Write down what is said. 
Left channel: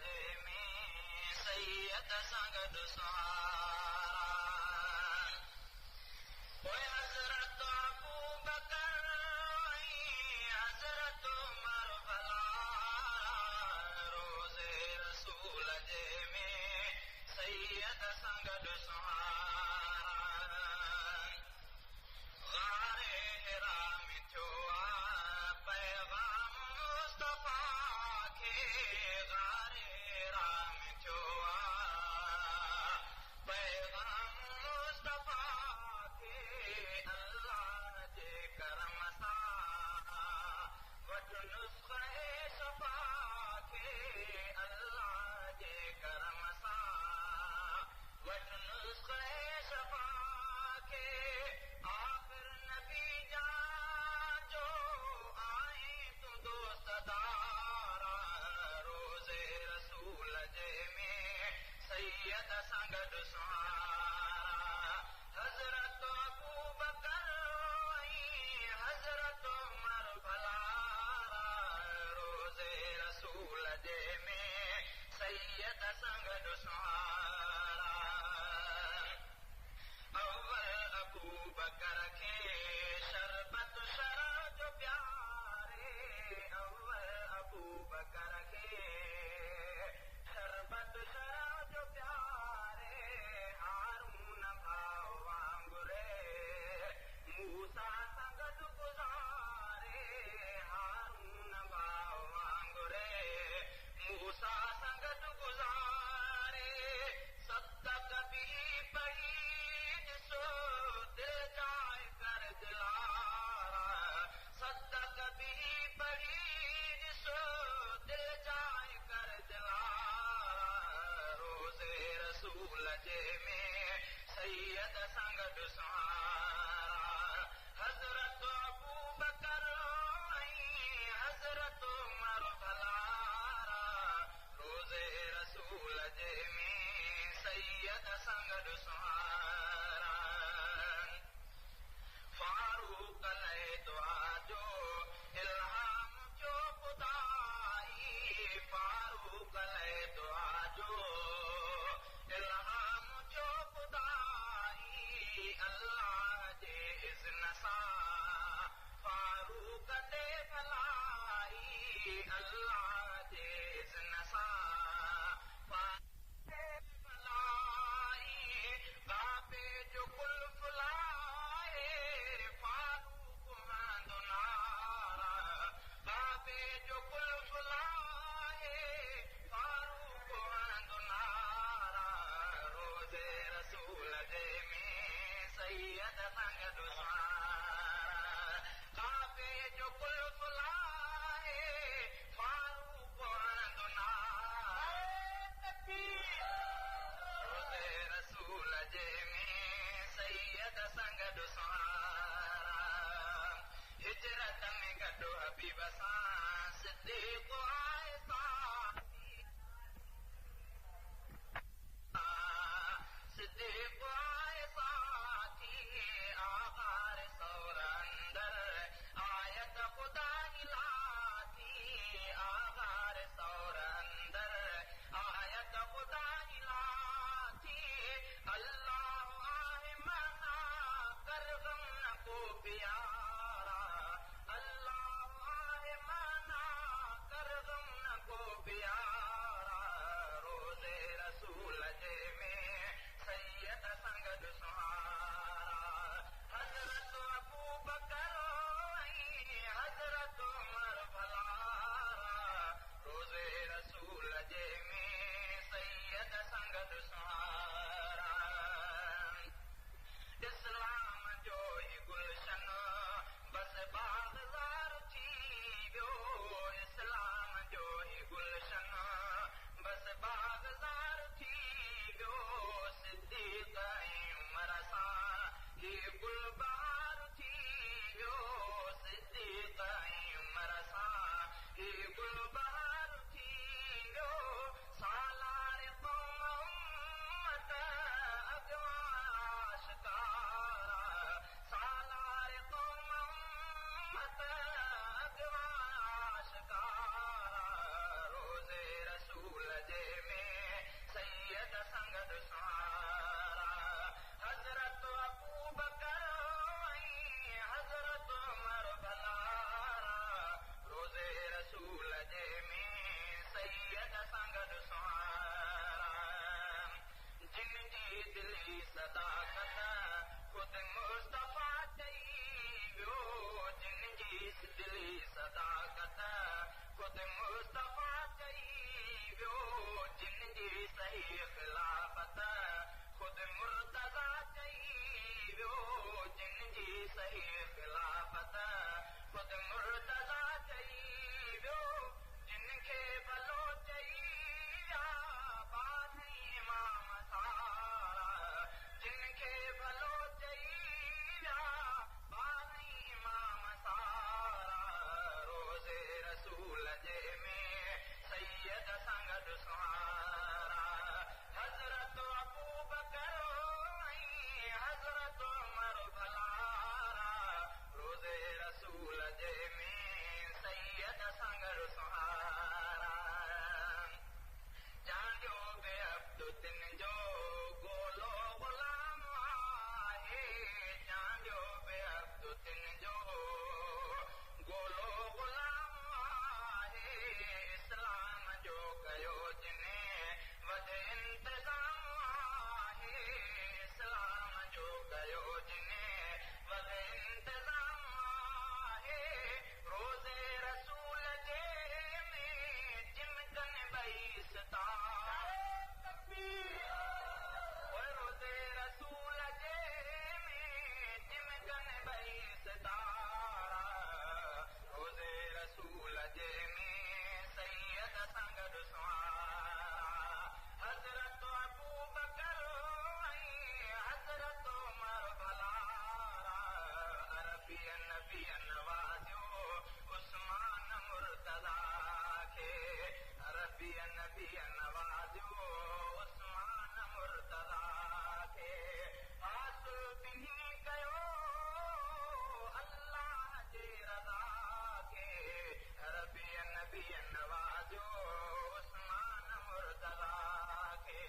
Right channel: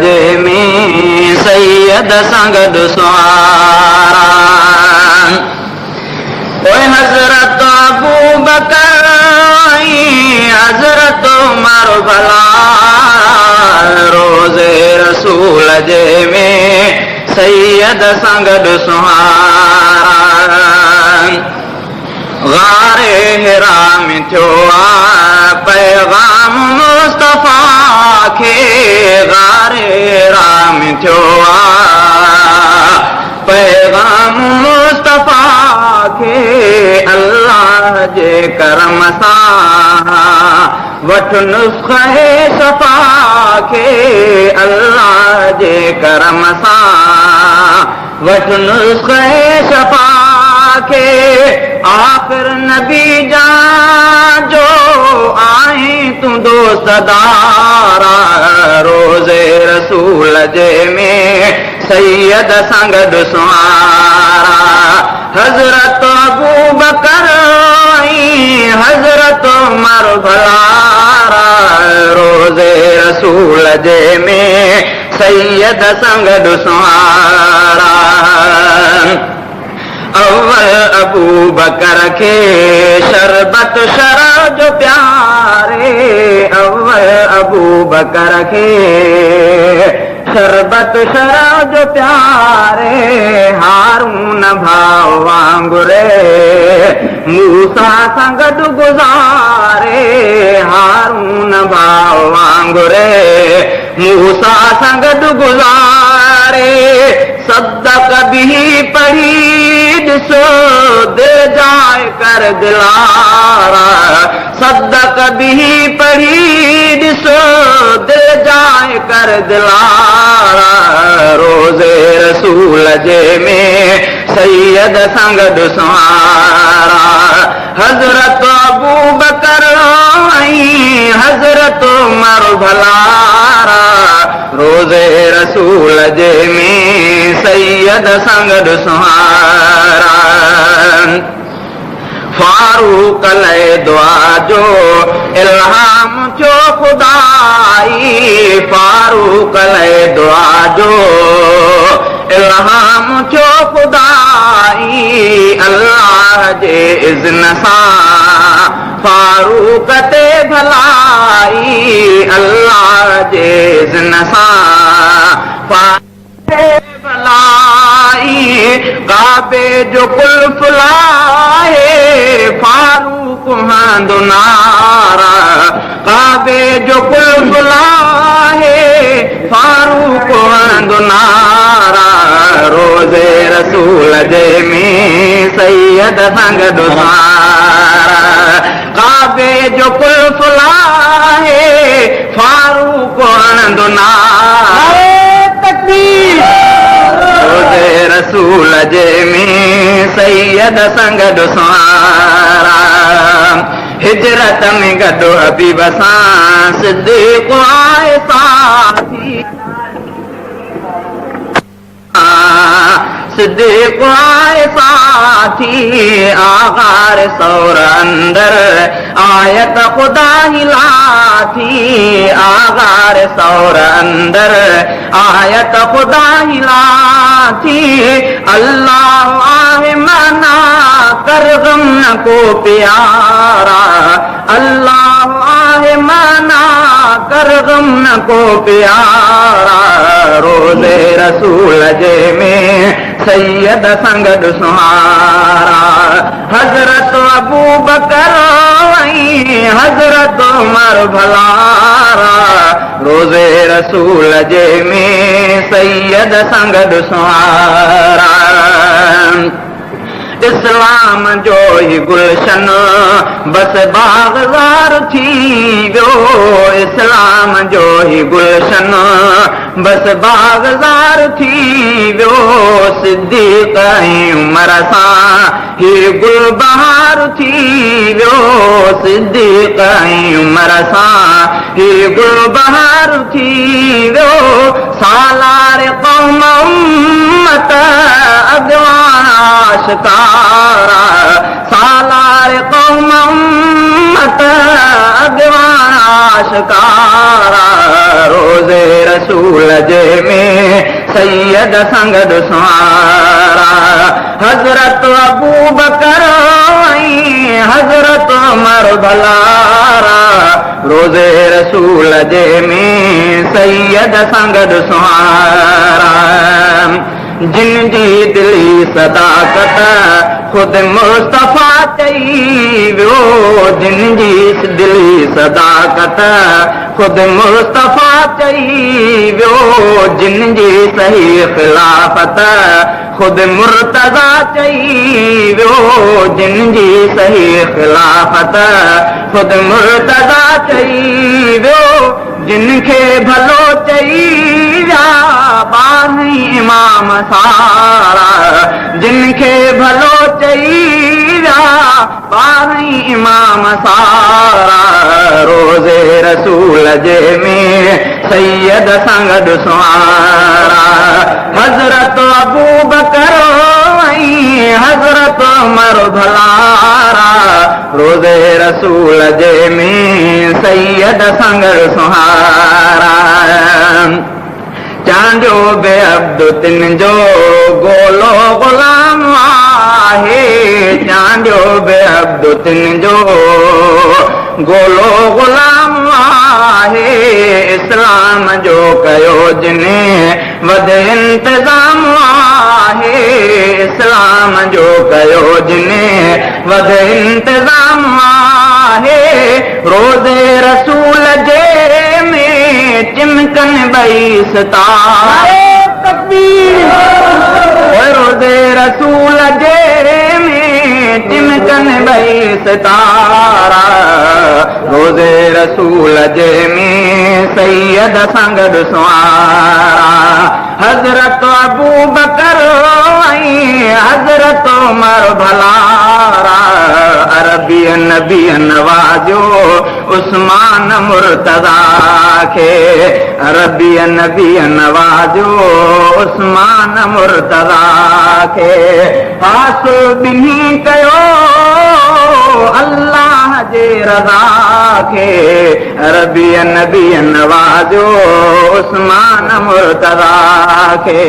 जे में सैयद सां गॾु सुवारा ओए हज़रत अबू बकर हज़रत उमर भला रोज़े रसूल जे में सैयद सां गॾु सुवारा गारे हिरा में थियो आहे पैगाम मुस्तफ़ा खे गारे हिरा में थियो आहे पैगाम मुस्तफ़ा खे अल्लाह जे करम सां वठ नुस्ख़े सफ़ा खे अल्लाह जे करम सां वठ नुस्ख़े सफ़ा खे आख़िर नबी जान जो आहीं तूं दोस्तदारा रोज़े रसूल जे में सैयद सां गॾु सुवारा हज़रत अबू बकर हज़रत उमर भला रोज़े रसूल जे में सैयद सां गॾु सुवारा अव्वल अबू बकर खे शरबत शराब जो प्यारे अव्वल अबू बकर खे शरबत शराब जो प्यारे हारून भाउ वांगुरे मूसा सां गॾु गुज़ारे हारून भाउ वांगुरे मूसा सां गॾु गुज़ारे सदक बि पढ़ी ॾिसो दिलि जाए कर दिलारा सदक बि पढ़ी ॾिसो दिलि जाए कर दिलारा रोज़े रसूल जे में सैयद सां गॾु सुवारा हज़रत अबू बकर हज़रत उमर भला रोज़े रसूल जे में सैयद सां गॾु सुवारा फारूक लए दुआ जो इल्हाम थियो खुदाई फारूक लए दुआ जो इल्हाम थियो खुदाई अल्लाह जे इज़्न सां फारूक ते भलाई अल्लाह जे इज़्न सां फारूक ते भलाई काबे जो कुल्फ लाहे फारूक हंधु नारा काबे जो कुल्फ लाहे फारूक हंधु नारा रोज़े रसूल जे में सैयद सां गॾु सुवारा काबे जो कुल्फ लाहे फारूक हंधु नारा रोज़े रसूल जे में सैयद सां गॾु सुवारा हिजरत में गॾु हबीब सां सिद्दीक़ आए साथी सिद्दीक़ आए साथी आगार सौर अंदर आयत खुदा हिलाथी आगार सौर अंदर आयत खुदा हिलाथी अल्लाह आहे मना कर गम न को प्यारा अल्लाह आहे मना कर गम न को प्यारा रोज़े रसूल जे में सैयद सां गॾु सुवारा हज़रत अबू बकर हज़रत उमर भला रोज़े रसूल जे में सैयद सां गॾु सुवारा इस्लाम जो ही गुलशन बस बाग़बार थी वियो इस्लाम जो ही गुलशन बस बाग़बार थी वियो सिद्दीक़ उमर सां ही गुल बहार थी वियो सिद्दीक़ उमर सां ही गुल बहार थी वियो सालार क़ौम उम्मत अॻवान आशिकारा सालार क़ौम उम्मत अॻवान आशिकारा रोज़े रसूल सैयद संगद सुहारा हज़रत अबू बकर ऐं हज़रत उमर भलारा रोज़े रसूल जे में सैयद संगद सुहारा जिन जी दिली सदाकत खुद मुस्तफ़ा चई वियो जिन जी दिली सदाकत खुद मुस्तफ़ा चई वियो जिन जी सही ख़िलाफ़त खुद मुर्तज़ा चई वियो जिन जी सही ख़िलाफ़त खुद मुर्तज़ा चई वियो जिन खे भलो चई विया ॿारहीं इमाम सारा जिन खे भलो चई विया ॿारहीं इमाम सारा रोज़े रसूल जे में सैयद संगद सुहारा हज़रत अबू बकर ऐं हज़रत उमर भलारा रोज़े रसूल जे में सैयद संगद सुहारा चांडियो बे अब्दु तिन जो गोलो ग़ुलाम आहे चांडियो बे अब्दु तिन जो गोलो ग़ुलाम आहे इस्लाम जो कयो जिने वध इंतज़ाम आहे इस्लाम जो कयो जिने वध इंतज़ाम आहे रोज़े रसूल जे चिमकन ॿई सितारे तकबीर रोज़े रसूल जे में चिमकन ॿई सितारा रोज़े रसूल जे में सैयद संगद सुहारा हज़रत अबू बकर ऐं हज़रत उमर भलारा अरबी नबी नवाज़ो उस्मान मुर्तज़ा खे अरबी नबी नवाज़ो उस्मान मुर्तज़ा खे हासिल ॿिन्ही कयो अल्लाह जे रज़ा खे अरबी नबी नवाज़ो उस्मान मुर्तज़ा खे